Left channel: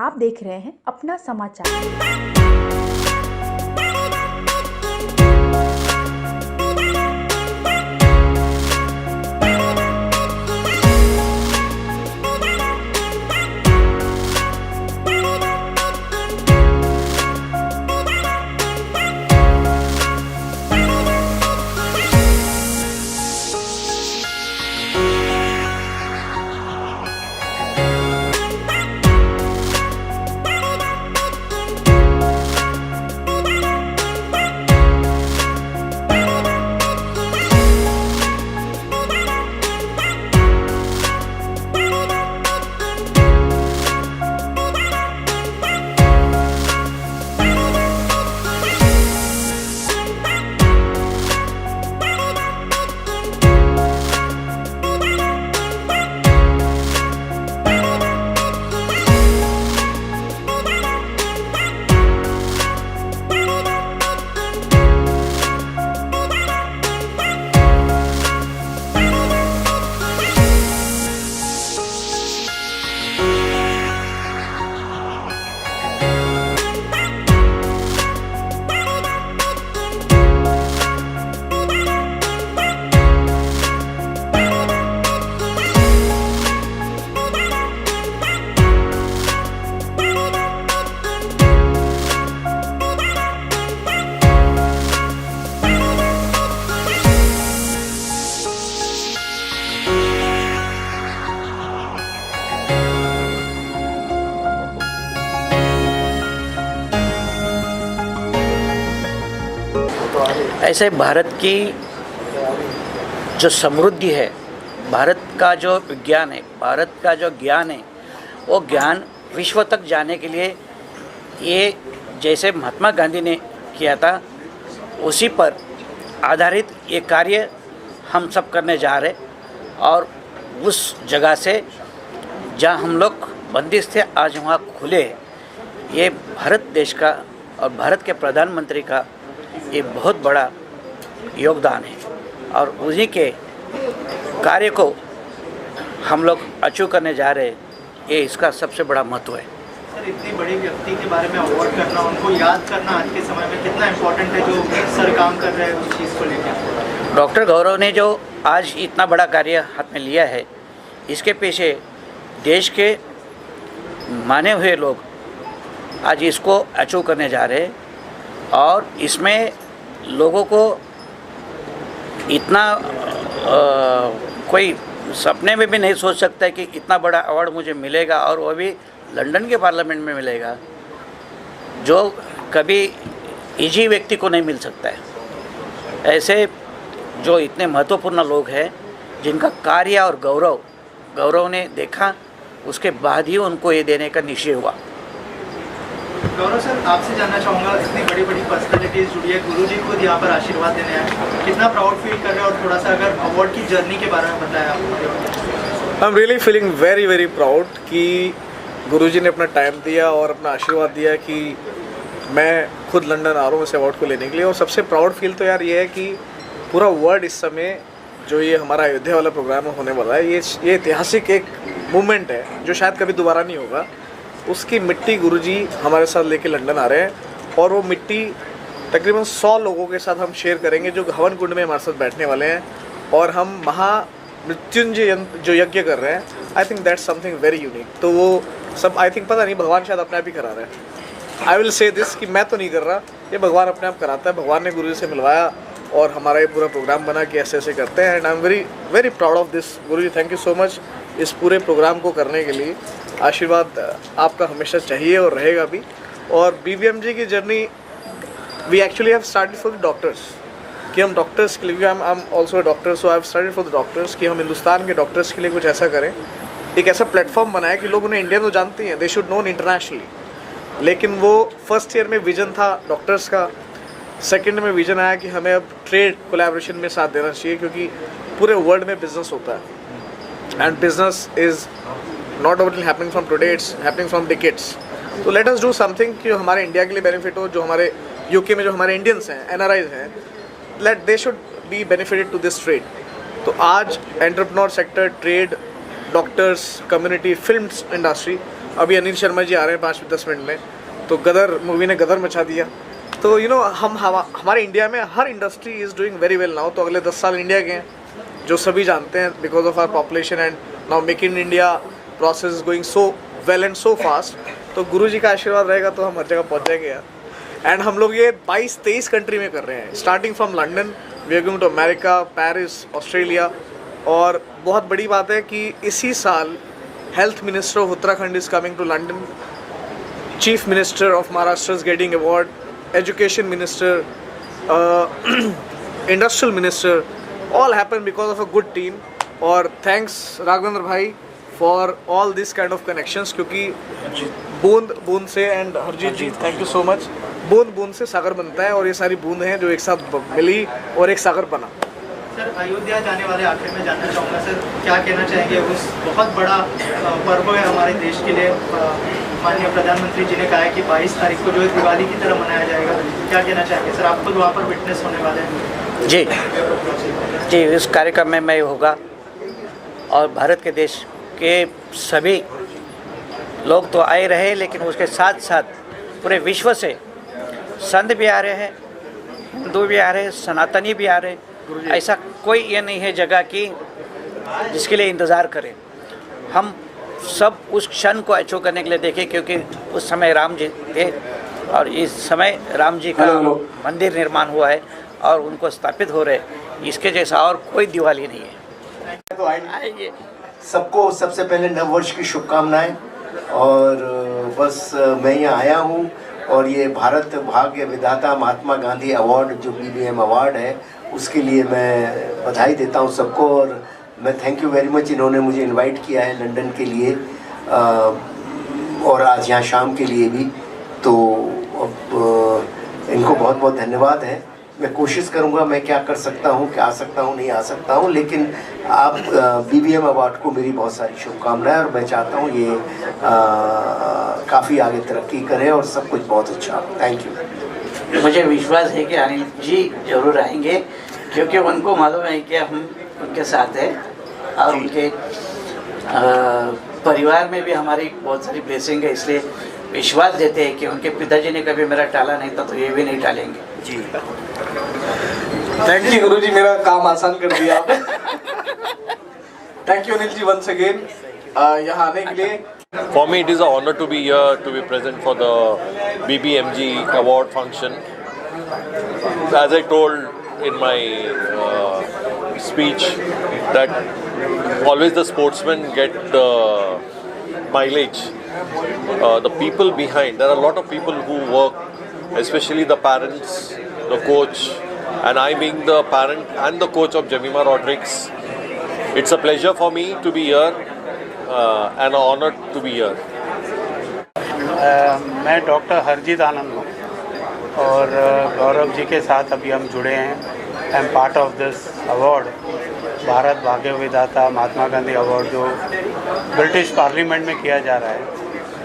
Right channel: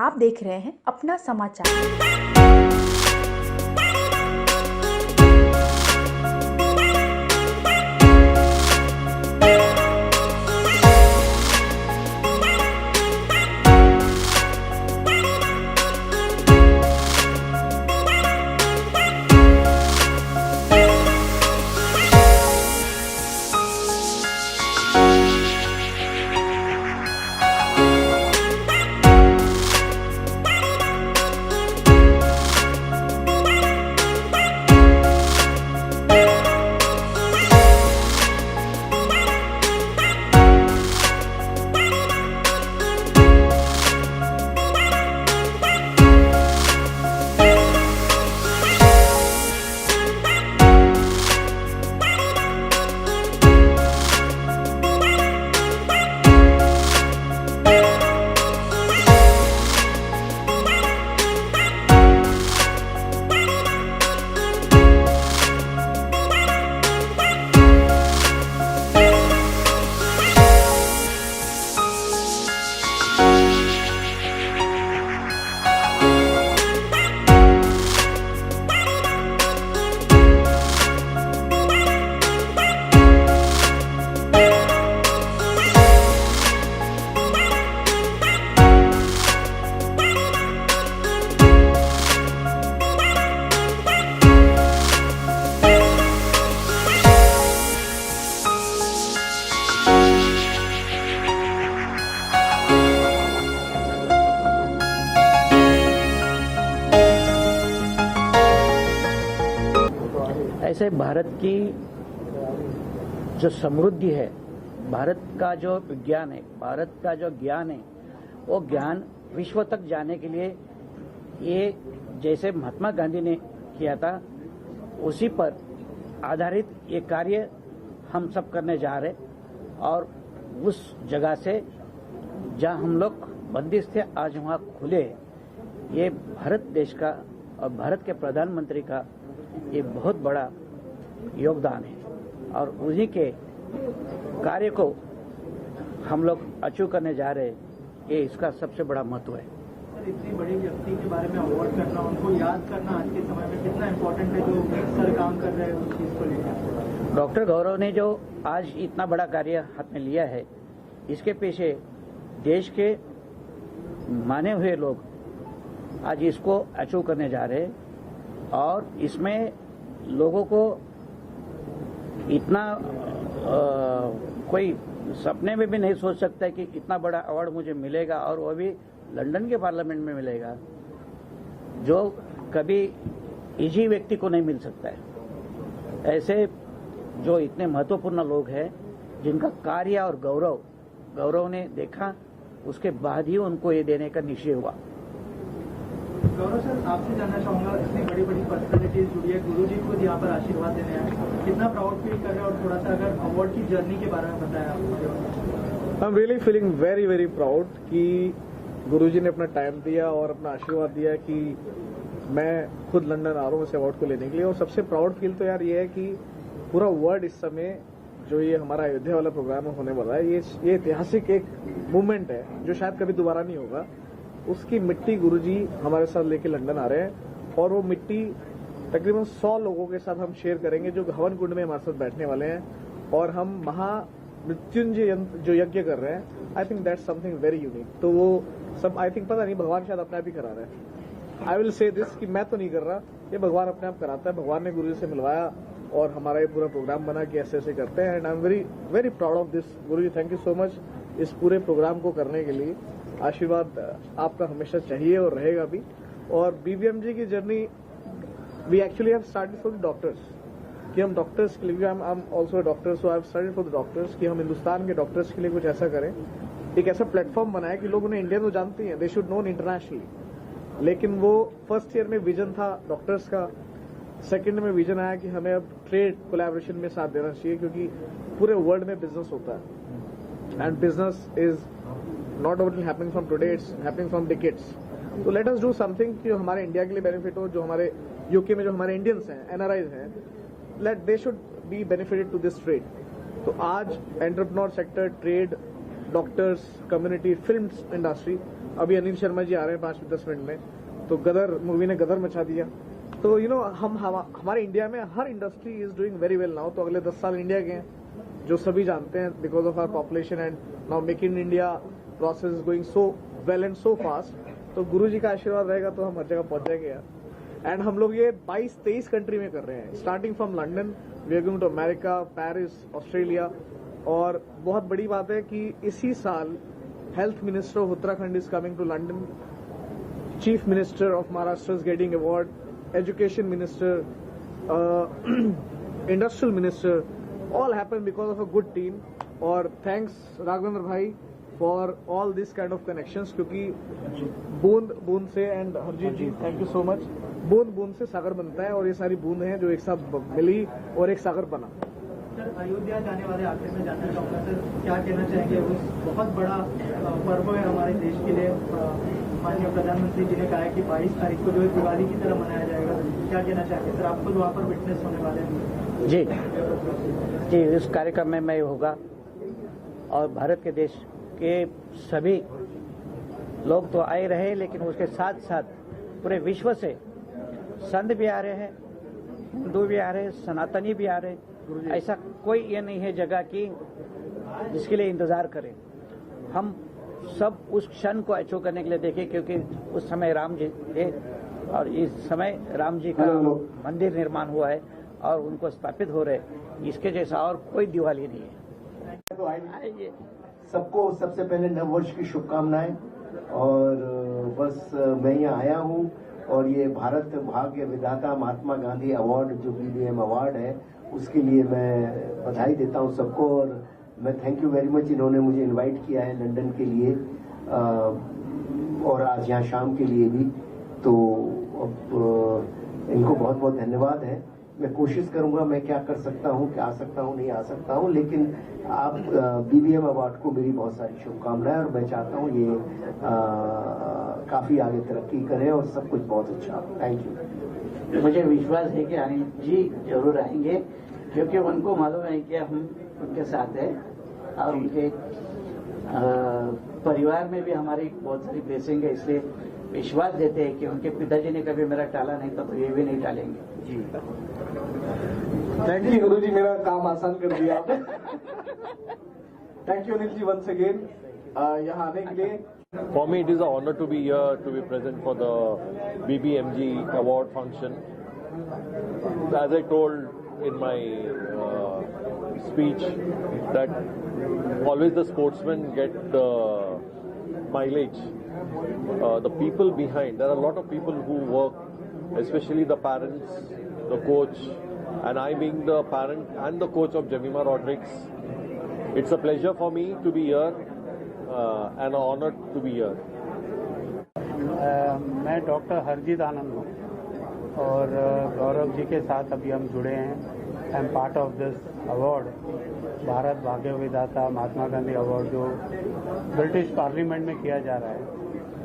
आप देख रहे हैं अपना समाचार। ऐसे भारत की जो समृद्धि है, भारत का जो विज्ञान है, भारत का जो ज्ञान है, वो ज्ञान विश्व तक जाने के लिए ये जैसे महात्मा गांधी ने किया था, उसी पर आधारित ये कार्य हम सब करने जा रहे। और उस जगह से जहाँ हम लोग बंदिश थे, आज वहाँ खुले। ये भारत देश का और भारत के प्रधानमंत्री का ये बहुत बड़ा योगदान है, और उन्हीं के कार्य को हम लोग अचीव करने जा रहे हैं। ये इसका सबसे बड़ा महत्व है। सर, इतनी बड़ी व्यक्ति के बारे में अवार्ड करना, उनको याद करना आज के समय में कितना इम्पोर्टेंट है, जो सर काम कर रहे हैं उस चीज़ को लेकर। डॉक्टर गौरव ने जो आज इतना बड़ा कार्य हाथ में लिया है, इसके पीछे देश के माने हुए लोग आज इसको अचीव करने जा रहे हैं। और इसमें लोगों को इतना कोई सपने में भी नहीं सोच सकता है कि इतना बड़ा अवार्ड मुझे मिलेगा, और वो भी लंदन के पार्लियामेंट में मिलेगा, जो कभी इजी व्यक्ति को नहीं मिल सकता है। ऐसे जो इतने महत्वपूर्ण लोग हैं, जिनका कार्य और गौरव ने देखा, उसके बाद ही उनको ये देने का निश्चय हुआ। गौरव सर, आपसे जानना चाहूँगा, इतनी बड़ी बड़ी पर्सनैलिटीज़ जुड़ी है, गुरुजी खुद यहाँ पर आशीर्वाद देने आए, कितना प्राउड फील कर रहे हैं, और थोड़ा सा अगर अवार्ड की जर्नी के बारे में बताया आप। I am really feeling very very proud कि गुरुजी ने अपना टाइम दिया और अपना आशीर्वाद दिया कि मैं खुद लंदन आ रहा हूँ इस अवार्ड को लेने के लिए। और सबसे प्राउड फील तो यार ये है कि पूरा वर्ल्ड इस समय जो ये हमारा अयोध्या वाला प्रोग्राम होने वाला है, ये ऐतिहासिक एक मूवमेंट है जो शायद कभी दोबारा नहीं होगा। उसकी मिट्टी गुरुजी हमारे साथ लेके लंदन आ रहे हैं, और वो मिट्टी तकरीबन 100 लोगों के साथ हम शेयर करेंगे, जो हवन कुंड में हमारे साथ बैठने वाले हैं, और हम महामृत्युंजय जो यज्ञ कर रहे हैं। I think that's something very unique. तो वो सब आई थिंक पता नहीं, भगवान शायद अपने आप ही करा रहे हैं। आई विल से दिस कि मैं तो नहीं कर रहा, ये भगवान अपने आप कराता है। भगवान ने गुरुजी से मिलवाया और हमारा ये पूरा प्रोग्राम बना कि ऐसे ऐसे करते हैं। And I am very very proud of this. Guruji, thank you so much इस पूरे प्रोग्राम को करने के लिए। आशीर्वाद आपका हमेशा चाहिए और रहेगा भी। और BVMG की journey we actually have started for the doctors, कि हम डॉक्टर्स के लिए, I am also a doctor, so I have started for the doctors, कि हम हिंदुस्तान के डॉक्टर्स के लिए कुछ ऐसा करें, एक ऐसा प्लेटफॉर्म बनाए कि लोग उन्हें इंडिया तो जानते हैं, दे शुड नोन इंटरनेशनली। लेकिन वो फर्स्ट ईयर में विजन था डॉक्टर्स का, सेकंड में विजन आया कि हमें अब ट्रेड कोलैबोरेशन में साथ देना चाहिए, क्योंकि पूरे वर्ल्ड में बिजनेस होता है, and business is not only happening from today, it's happening from decades. तो लेट अस डू समथिंग कि हमारे इंडिया के लिए बेनिफिट हो, जो हमारे यूके में जो हमारे इंडियंस हैं, NRIs हैं, let they should be benefited to this trade. तो आज entrepreneur sector, trade, doctors, community, film industry, अभी अनिल शर्मा जी आ रहे हैं 5-10 मिनट में, तो गदर मूवी ने गदर मचा दिया। तो हमारे इंडिया में हर industry is doing very well now. तो अगले 10 साल इंडिया के हैं, जो सभी जानते हैं, because of our population and now make in India process is going so well and so fast. तो गुरुजी का आशीर्वाद रहेगा तो हम हर जगह पहुँच जाएंगे यार। एंड हम लोग ये 22-23 कंट्री में कर रहे हैं, starting from London, we are going to America, Paris, Australia. और बहुत बड़ी बात है कि इसी साल health minister of Uttarakhand is coming to London, chief minister of Maharashtra is getting award, education minister, industrial minister, all happened because of a good team। और thanks Raghavendra भाई for all this kind of connections, क्योंकि बूंद बूंद से, and Harjeet ji thank you so much, बूंद बूंद से सागर बनता है और ये सारी बूंद हैं जो एक साथ मिली और एक सागर बना। सर, अयोध्या जाने वाले आखिर में जानना चाहूँगा सर, क्या कहना चाहेंगे? उस बहुत बड़ा पर्व है हमारे देश के लिए, माननीय प्रधानमंत्री जी ने कहा है कि 22 तारीख को जो है दिवाली की तरह मनाया जाएगा, क्या कहना चाहेंगे सर? आप खुद वहाँ पर विटनेस होने वाले हैं। जी जी, इस कार्यक्रम में मैं होगा और भारत के देश के सभी लोग तो आए रहे, लेकिन उसके साथ साथ पूरे विश्व से संत भी आ रहे हैं, हिंदू भी आ रहे हैं, सनातनी भी आ रहे हैं। ऐसा कोई ये नहीं है जगह की जिसके लिए इंतज़ार करें। हम सब उस क्षण को अचीव करने के लिए देखें, क्योंकि उस समय राम जी थे और इस समय राम जी का मंदिर निर्माण हुआ है और उनको स्थापित हो रहे, इसके जैसा और कोई दिवाली नहीं है। तो आइए सबको सबसे पहले नववर्ष की शुभकामनाएं। और बस मैं यहाँ आया हूँ और ये भारत भाग्य विधाता महात्मा गांधी अवार्ड जो BBM अवार्ड है, उसके लिए मैं बधाई देता हूँ सबको। और मैं थैंक यू वेरी मच, इन्होंने मुझे इनवाइट किया है लंदन के लिए और आज यहाँ शाम के लिए भी, तो इनको बहुत बहुत धन्यवाद है। मैं कोशिश करूंगा मैं क्या कर सकता हूं, क्या आ सकता हूं, नहीं आ सकता हूं, लेकिन आप BBM अवार्ड को मेरी बहुत सारी शुभकामनाएं और मैं चाहता हूं ये काफ़ी आगे तरक्की करे और सब कुछ बहुत अच्छा। Thank you. मुझे विश्वास है कि अनिल जी जरूर आएंगे, क्योंकि उनको मालूम है कि हम उनके साथ हैं और उनके परिवार में भी हमारी बहुत सारी ब्लेसिंग है, इसलिए विश्वास देते हैं कि उनके पिताजी ने कभी मेरा टाला नहीं था, तो ये भी नहीं टालेंगे। जी थैंक यू गुरुजी, मेरा काम आसान कर दिया आपने। Thank you Anil ji once again यहाँ आने के लिए। For me, it is an honor to be here, to be present for the BBMG award function. As I told in my speech, that always the sportsmen get the mileage. The people behind, there are a lot of people who work, especially the parents, the coach, and I being the parent and the coach of Jemima Rodrigues, it's a pleasure for me to be here and an honor to be here. मैं doctor Harjeet आनंद हूँ और गौरव जी के साथ अभी हम जुड़े हैं। I am part of this award, Bharat भाग्य विधाता महात्मा गांधी अवार्ड, जो ब्रिटिश पार्लियामेंट में किया जा रहा है।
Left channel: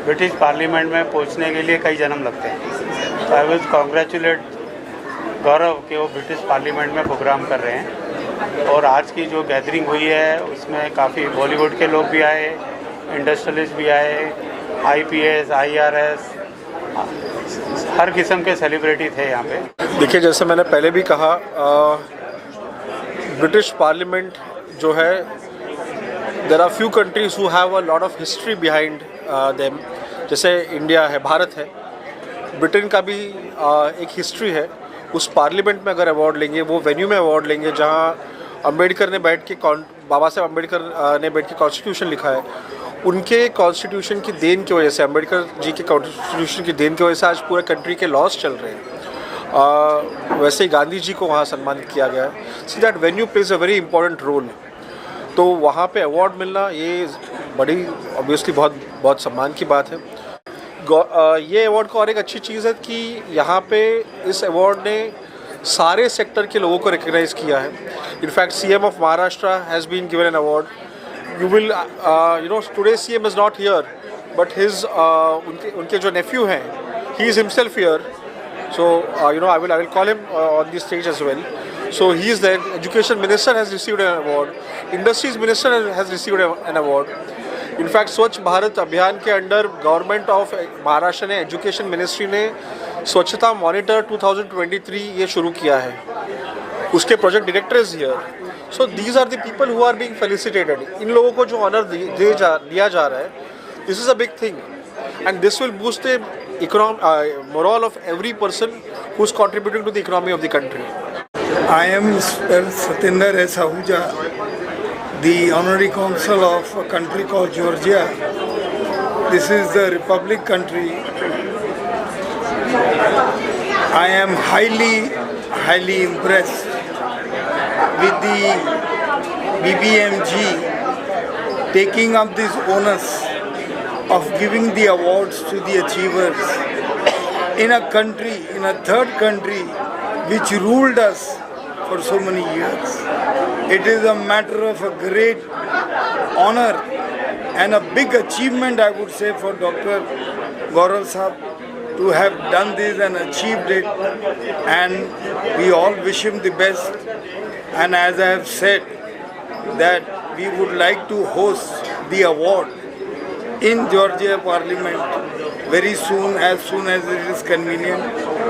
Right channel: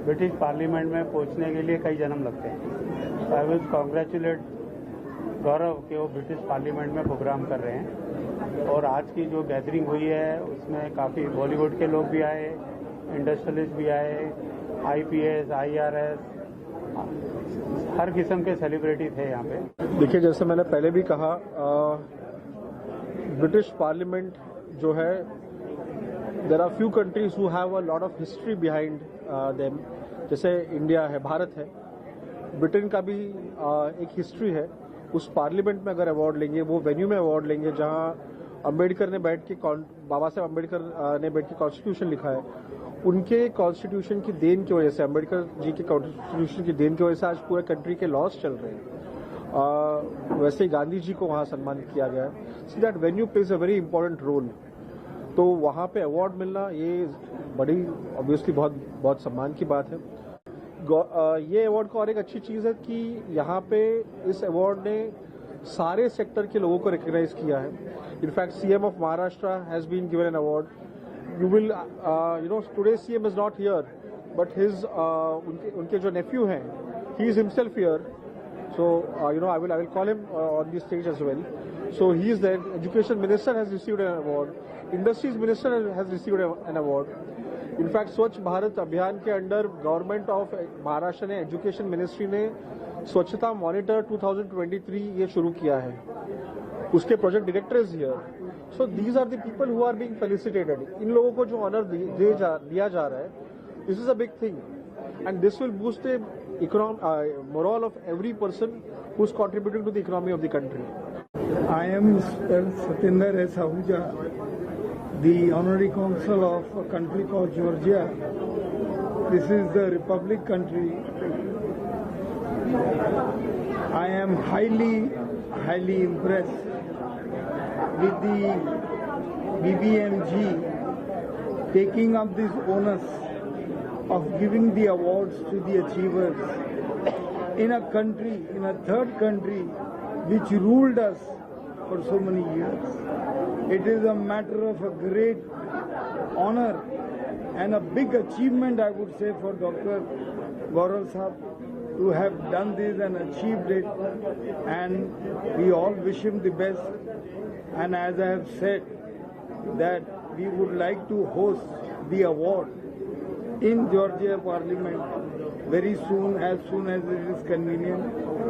ब्रिटिश पार्लियामेंट में पहुंचने के लिए कई जन्म लगते हैं, तो आई विल कॉन्ग्रेचुलेट गौरव कि वो ब्रिटिश पार्लियामेंट में प्रोग्राम कर रहे हैं। और आज की जो गैदरिंग हुई है उसमें काफ़ी बॉलीवुड के लोग भी आए, इंडस्ट्रियलिस्ट भी आए, IPS, IRS, हर किस्म के सेलिब्रिटी थे यहाँ पे। देखिए, जैसे मैंने पहले भी कहा, ब्रिटिश पार्लियामेंट जो है, there are few countries who have a lot of history behind them. जैसे इंडिया है, भारत है, ब्रिटेन का भी एक हिस्ट्री है। उस पार्लियामेंट में अगर अवार्ड लेंगे, वो वेन्यू में अवार्ड लेंगे जहाँ अम्बेडकर ने बैठ के, बाबा साहब अम्बेडकर ने बैठ के कॉन्स्टिट्यूशन लिखा है, उनके कॉन्स्टिट्यूशन की देन की वजह से, अम्बेडकर जी के कॉन्स्टिट्यूशन की देन की वजह से आज पूरे कंट्री के लॉज चल रहे हैं। वैसे ही गांधी जी को वहाँ सम्मानित किया गया है। So that venue plays a very important role. तो वहाँ पे अवार्ड मिलना ये बड़ी ऑब्वियसली बहुत सम्मान की बात है। ये अवार्ड का और एक अच्छी चीज़ है कि यहाँ पे इस अवार्ड ने सारे सेक्टर के लोगों को रिकग्नाइज किया है। In fact CM of Maharashtra has been given an award. You will, today CM is not here, but his उनके जो nephew हैं, he is himself here. So I will call him on the stage as well. So he is there. Education Minister has received an award. Industries Minister has received an award. In fact स्वच्छ भारत अभियान के under government of Maharashtra ने, education ministry ने स्वच्छता monitor 2023 ये शुरू किया है. उसके project director is here. So these are the people who are being felicitated. इन लोगों को जो ऑनर दिया जा रहा है, this is a big thing and this will boost the morale of every person who's contributing to the economy of the country. I am Satinder S. Ahuja, the honorary consul of a country called Georgia. This is the republic country. I am highly impressed with the BBMG taking up this onus of giving the awards to the achievers in a country, in a third country, which ruled us for so many years. It is a matter of a great honor and a big achievement, I would say, for Dr. Gaurav Sahab to have done this and achieved it, and we all wish him the best. And as I have said, that we would like to host the award in Georgia Parliament very soon as it is convenient.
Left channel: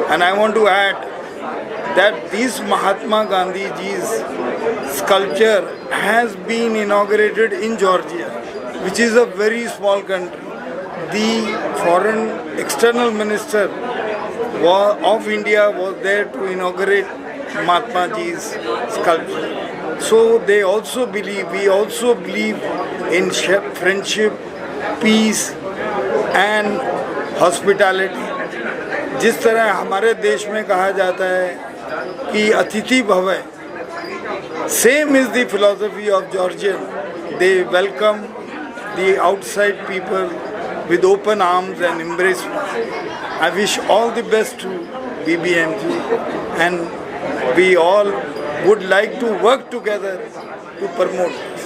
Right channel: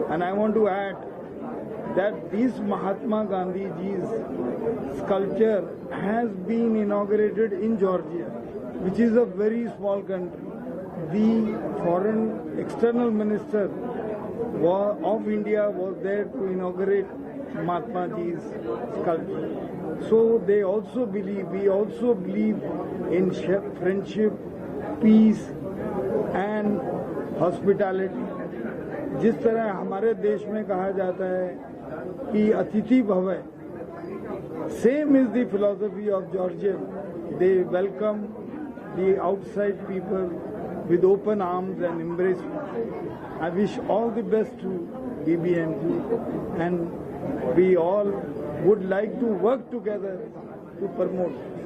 And I want to add that this Mahatma Gandhi ji's sculpture has been inaugurated in Georgia, which is a very small country. The foreign external minister of India was there to inaugurate Mahatma ji's sculpture. So we also believe in friendship, peace and hospitality. जिस तरह हमारे देश में कहा जाता है कि अतिथि भव, same is the philosophy of Georgian. They welcome the outside people with open arms and embracement. I wish all the best to BBMG, and we all would like to work together to promote this.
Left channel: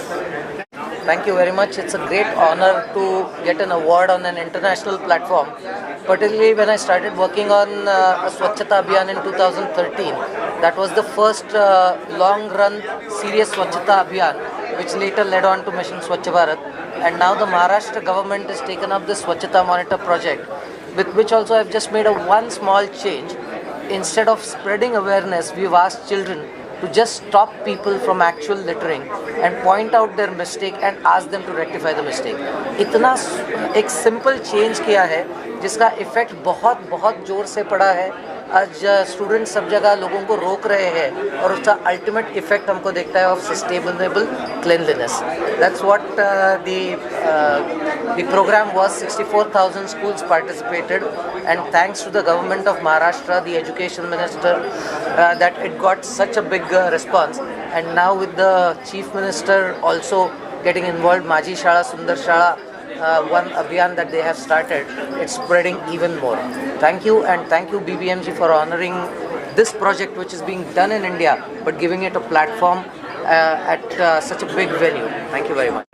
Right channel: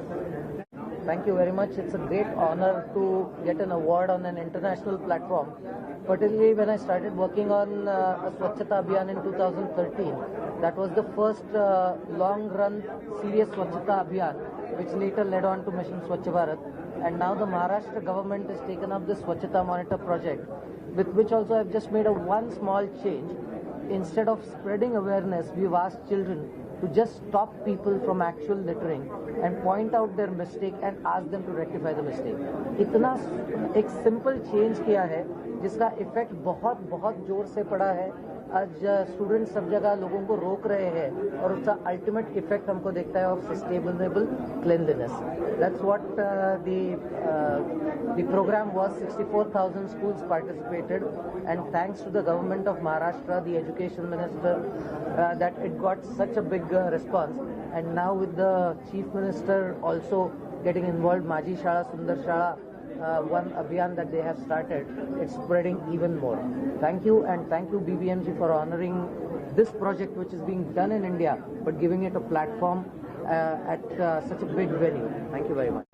Thank you very much. It's a great honor to get an award on an international platform, particularly when I started working on a Swachhata Abhiyan in 2013. That was the first long-run serious Swachhata Abhiyan, which later led on to Mission Swachh Bharat. And now the Maharashtra government has taken up the Swachhata Monitor project, with which also I've just made one small change. Instead of spreading awareness, we've asked children to just stop people from actual littering and point out their mistake and ask them to rectify the mistake. इतना एक simple change किया है जिसका effect बहुत बहुत ज़ोर से पड़ा है. आज स्टूडेंट सब जगह लोगों को रोक रहे हैं और उसका अल्टीमेट इफेक्ट हमको देखता है of sustainable cleanliness. That's what the programme was. 64,000 schools participated, and thanks to the government of Maharashtra, the education minister, that it got such a big response. And now with the chief minister also getting involved, Maji Shala, Sundar Shala, one abhiyan that they have started, it's spreading even more. Thank you, and thank you BBMG for honoring this project which is being done in India but giving it a platform at such a big venue. Thank you very much.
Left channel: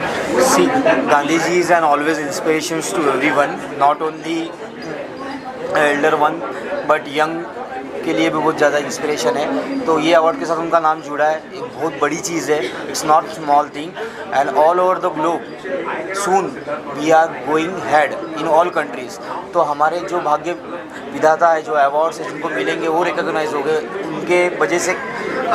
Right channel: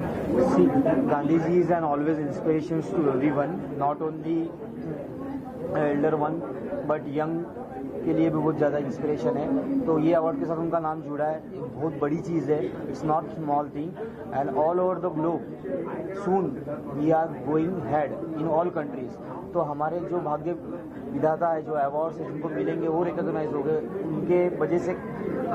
See, Gandhiji is an always inspiration to everyone, not only elder one but young के लिए भी बहुत ज़्यादा inspiration है. तो ये award के साथ उनका नाम जुड़ा है, एक बहुत बड़ी चीज़ है. It's not small thing, and all over the globe soon we are going head in all countries. तो हमारे जो भाग्य विधाता है, जो अवार्ड्स है जिनको मिलेंगे वो रिकॉग्नाइज हो गए, उनके वजह से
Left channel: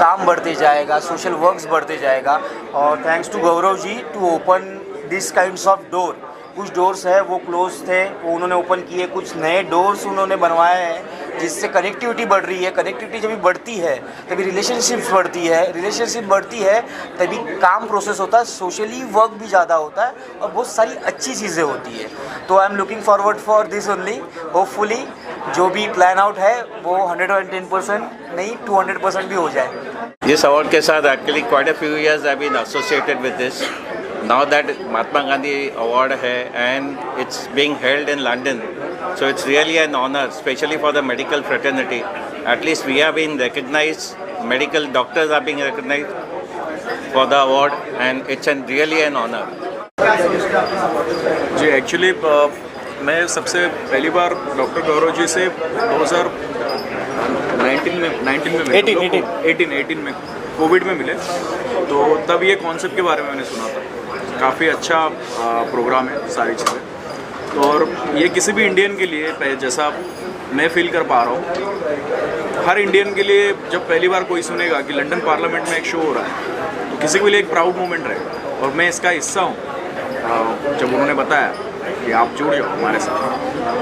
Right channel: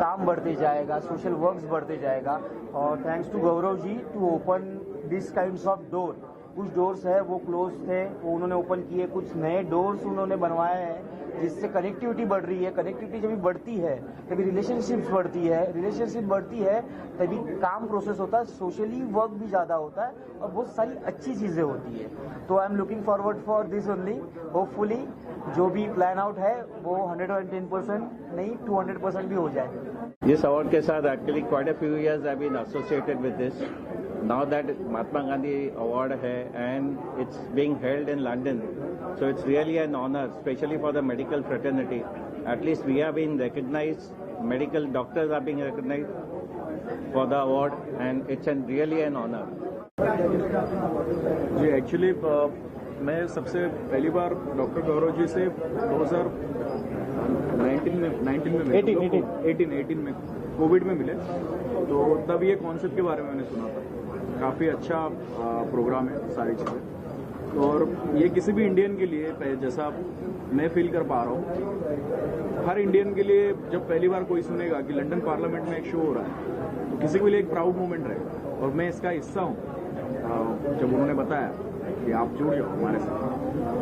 काम बढ़ते जाएगा, सोशल वर्क्स बढ़ते जाएगा. और thanks to Gaurav ji to open this kinds of door. कुछ डोर्स है वो क्लोज थे, वो उन्होंने ओपन किए. कुछ नए डोर्स उन्होंने बनवाए हैं जिससे कनेक्टिविटी बढ़ रही है. कनेक्टिविटी जब भी बढ़ती है तभी रिलेशनशिप्स बढ़ती है. रिलेशनशिप बढ़ती है तभी काम प्रोसेस होता है, सोशली वर्क भी ज़्यादा होता है और बहुत सारी अच्छी चीज़ें होती है. तो I am looking forward for this only. Hopefully जो भी प्लान आउट है वो 110% नहीं 200% भी हो जाए. This award के साथ actually quite a few years I've been associated with this. Now that Mahatma Gandhi award है and it's being held in London, so it's really an honor, especially for the medical fraternity. At least we have been recognized, medical doctors are being recognized for the award, and it's really an honor. जी actually मैं सबसे पहली बार doctor Gaurav ji से 2018 में Covid में मिले, तो तब ये कॉन्सेप्ट के बारे में मैंने सुना था। काफ़ी अच्छा प्रोग्राम है, सारी चीज़ें। तो और ये किसी भी इंडियन के लिए, जैसा मैं फील कर पा रहा हूँ, हर इंडियन के लिए जब पहली बार कोई सुनेगा कि लंदन पार्लियामेंट में एक शो हो रहा है, तो किसी के लिए एक प्राउड मोमेंट रहेगा। और मैं इसका हिस्सा हूँ। जब उन्होंने बताया कि आप जुड़ जाओ हमारे साथ,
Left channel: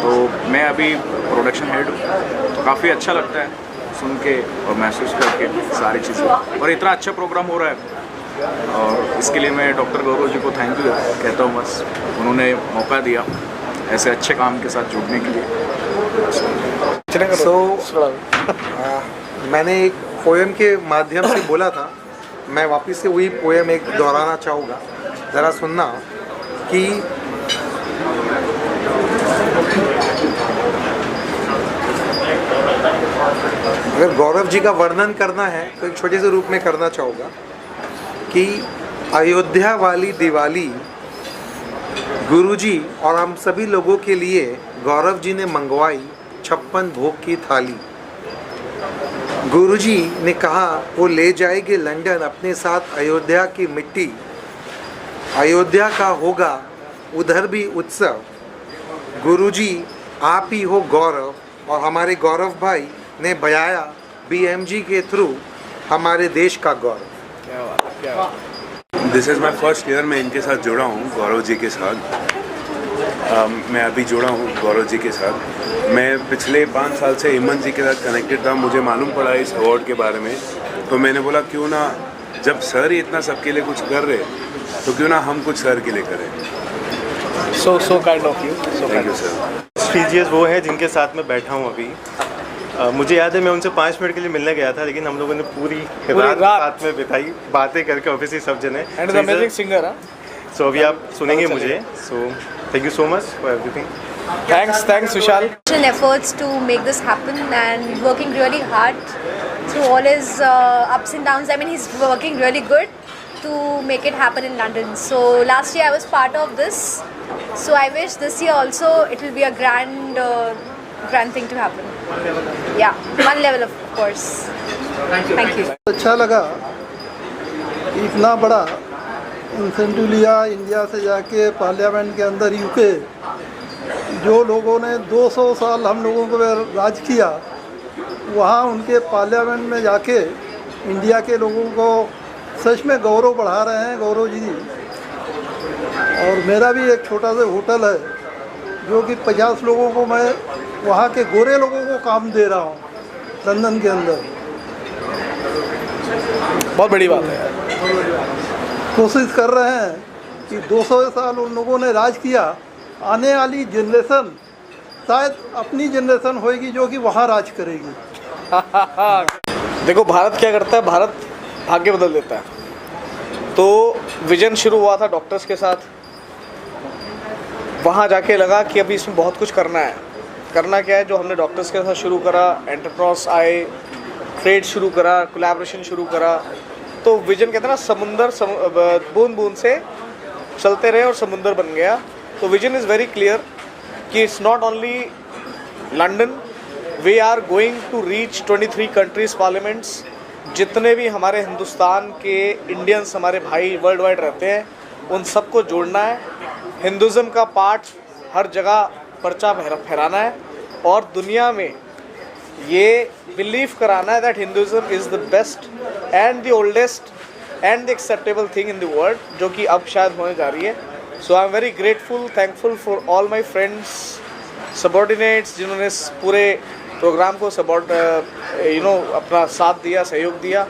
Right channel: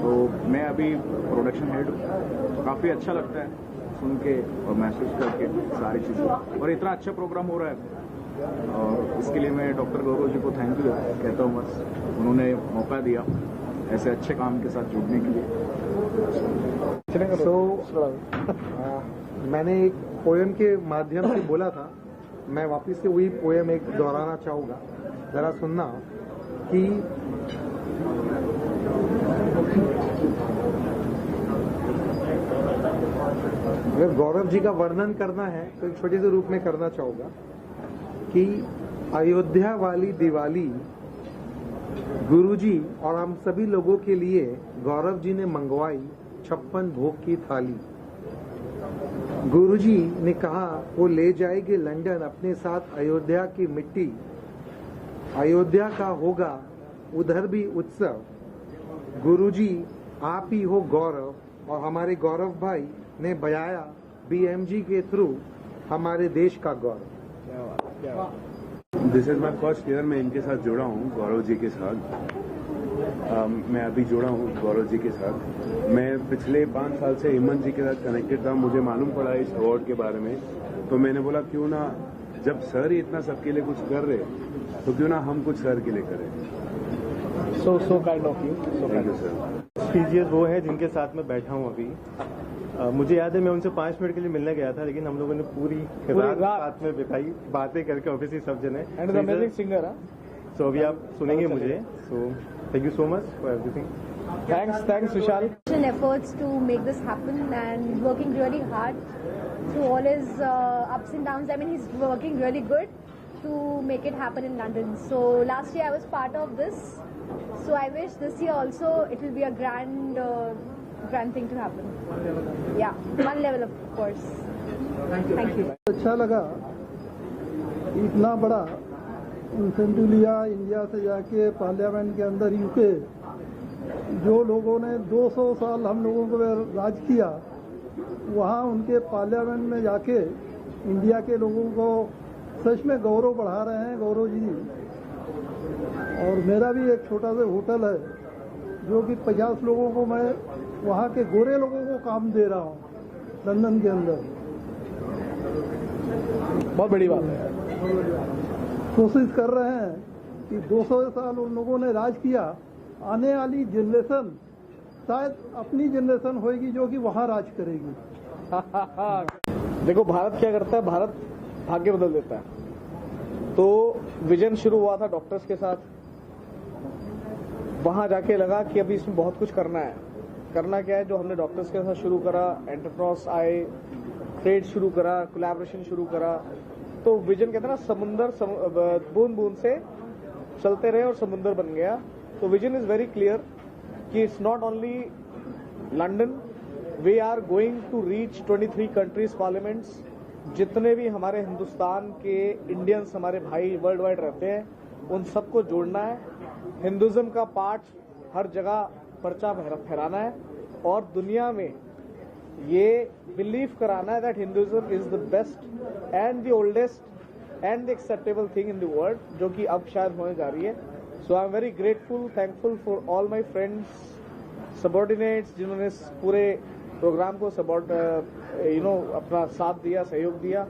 तो मैं अभी प्रोडक्शन हेड हूँ, तो काफ़ी अच्छा लगता है सुन के और महसूस करके सारी चीज़ें। और इतना अच्छा प्रोग्राम हो रहा है, और इसके लिए मैं डॉक्टर गौरव जी को थैंक यू कहता हूँ। बस उन्होंने मौका दिया ऐसे अच्छे काम के साथ जुड़ने के लिए। मैंने एक पोएम के माध्यम से बोला था, मैं वापस से वही पोएम एक दोहराना चाहूँगा, ज़रा सुनना कि अगर गौरव जी का वर्णन करना है तो एक छोटे से रूप में करना चाहूँगा कि अयोध्या वाली दिवाली गुरुजी और हम सभी लोगों के लिए गौरव जी ने मंगवाई 56 भोग की थाली। गुरुजी ने कहा वो ले जाएंगे लंदन अपने साथ अयोध्या की मिट्टी, अयोध्या का होगा उधर भी उत्सव। गुरुजी आप ही हो गौरव, और हमारे गौरव भाई ने बयाया BMG के थ्रू हमारे देश का गौरव। क्या बात, क्या बात। This is my first year मैं इनके साथ जुड़ा हूँ, गौरव जी के साथ। मैं अभी जुड़ा हूँ गौरव जी के साथ। मैं पिछले 5 साल से हेमंत जी के साथ कनेक्टेड था। मुझे मालूम पड़ा इस अवार्ड के बारे में, तो मैंने बोला क्यों ना, जब सर ही इतना सबके लिए कुछ कर रहे, तो क्यों ना हम कुछ सर के लिए करें। So kind of you. Thank you sir. Precious वो है जिनके साथ मैं बैठा हूँ अभी। मुझे याद है मैं उनसे 5 मिनट के लिए मिलने गया था, लेकिन हम लोगों ने पूरी रात साथ में बिताई, बातें करके ऑब्वियसली सब जने। And amazing singer. सो अभी आप सुनेंगे मुझे। So thank you so much for everything. Thanks Vishal. Efforts to make this happen and working really hard through all his ups and downs. I mean, he's working really good to make it happen in London. So last year I was part of this. So I wish this year also it will be a grand thing to happen. Yeah, one level of course. Thank you. अच्छा लगा, इतना बड़ा incentive लिया India से जाके parliament के अंदर UK, जो लोगों ने 200 साल हम लोगों को राज किया, वहाँ उनके पार्लियामेंट में जाके इंडिया के लोगों को सच में गौरव बढ़ा रहे हैं गौरव जी। और मेरा भी एक छोटा सा होटल है जो कि 50 लोगों को मैं वहाँ के गोरे लोगों को काम दे रहा हूँ लंदन के अंदर। बहुत बड़ी बात है। कोशिश कर रहे हैं कि 200 साल उन लोगों ने राज किया, आने वाली जनरेशन शायद अपनी जनरेशन होएगी जो कि वहाँ राज करेगी। देखो भारत क्या करता है, भारत भाग्य बदल देता है। तो विजन शुरू हुआ था डॉक्टर्स के साथ, वहाँ जाके लगा कि अभी इसमें बहुत कुछ करना है। करना क्या है, जो हमने डॉक्टर्स के साथ शुरू करा, एंटरप्रेन्योर्स आए, ट्रेड शुरू करा, कोलैबोरेशन शुरू करा। तो विजन कहते हैं ना, समुंदर बूंद बूंद से चलते रहे और समुंदर बन गया। तो विजन इज़ वेरी क्लियर कि it's not only London, we are going to reach 23 countries parliaments. जितने भी हमारे हिंदुस्तान के इंडियंस हमारे भाई वर्ल्ड वाइड रहते हैं, उन सबको जोड़ना है। हिंदुज़म का पार्ट हर जगह पर्चा फहराना है और दुनिया में ये बिलीव कराना है that Hinduism is the best and the oldest and the acceptable thing in the world, जो कि अब शायद होने जा रही है। So I am very grateful, thankful for all my friends, subordinates, जिन्होंने इस पूरे प्रोग्राम को अपना साथ दिया, सहयोग दिया।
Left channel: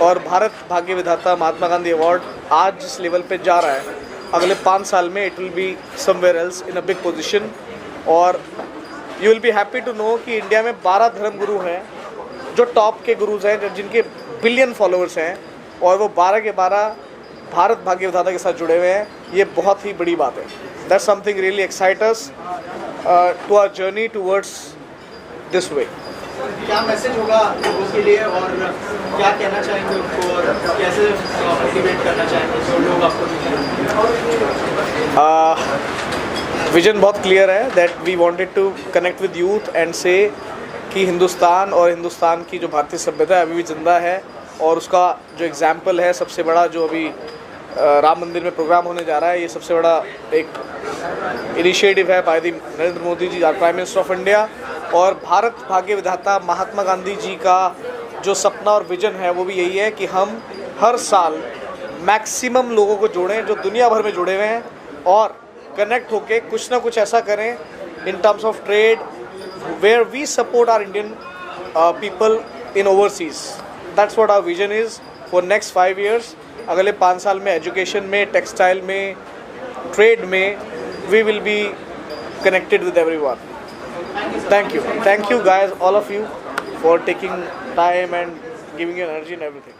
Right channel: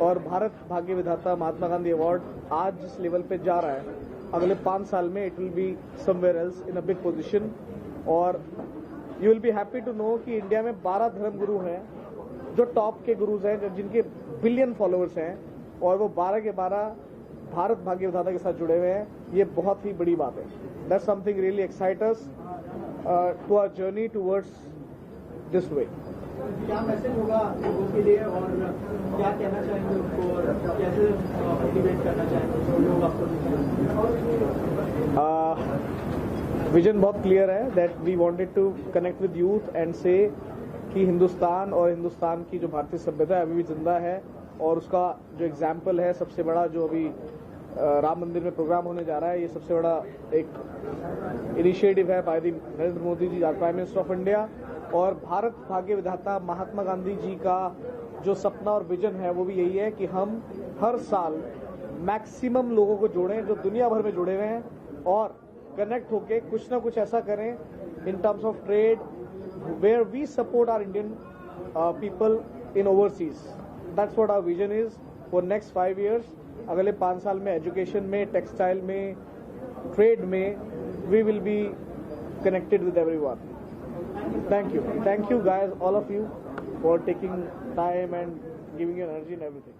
और भारत भाग्य विधाता महात्मा गांधी अवार्ड आज जिस लेवल पे जा रहा है, अगले 5 साल में it will be somewhere else in a big position. और you will be happy to know कि इंडिया में 12 धर्म गुरु हैं जो टॉप के गुरुज हैं, जिनके बिलियन फॉलोअर्स हैं, और वो 12 के 12 भारत भाग्य विधाता के साथ जुड़े हुए हैं। ये बहुत ही बड़ी बात है। That's something really excite us to our journey towards this way. क्या मैसेज होगा लोगों के लिए और क्या कहना चाहेंगे उनको और कैसे मोटिवेट करना चाहेंगे जो लोग आपको विजन बहुत क्लियर है that we wanted to connect with youth and say कि हिंदुस्तान और हिंदुस्तान की जो भारतीय सभ्यता है अभी भी जिंदा है। और उसका जो एग्जाम्पल है सबसे बड़ा, जो अभी राम मंदिर में प्रोग्राम होने जा रहा है, ये सबसे बड़ा एक इनिशिएटिव है by the Narendra Modi ji, prime minister of India. और भारत भाग्य विधाता महात्मा गांधी जी का जो सपना और विजन है वो भी यही है कि हम हर साल मैक्सिमम लोगों को जोड़ें जो दुनिया भर में जुड़े हुए हैं, और कनेक्ट होके कुछ ना कुछ ऐसा करें in terms of trade where we support our Indian people in overseas. That's what our vision is for next 5 years। अगले 5 साल में एजुकेशन में, टेक्सटाइल में, ट्रेड में we will be connected with everyone. Thank you guys, all of you, for taking time and giving your energy and everything.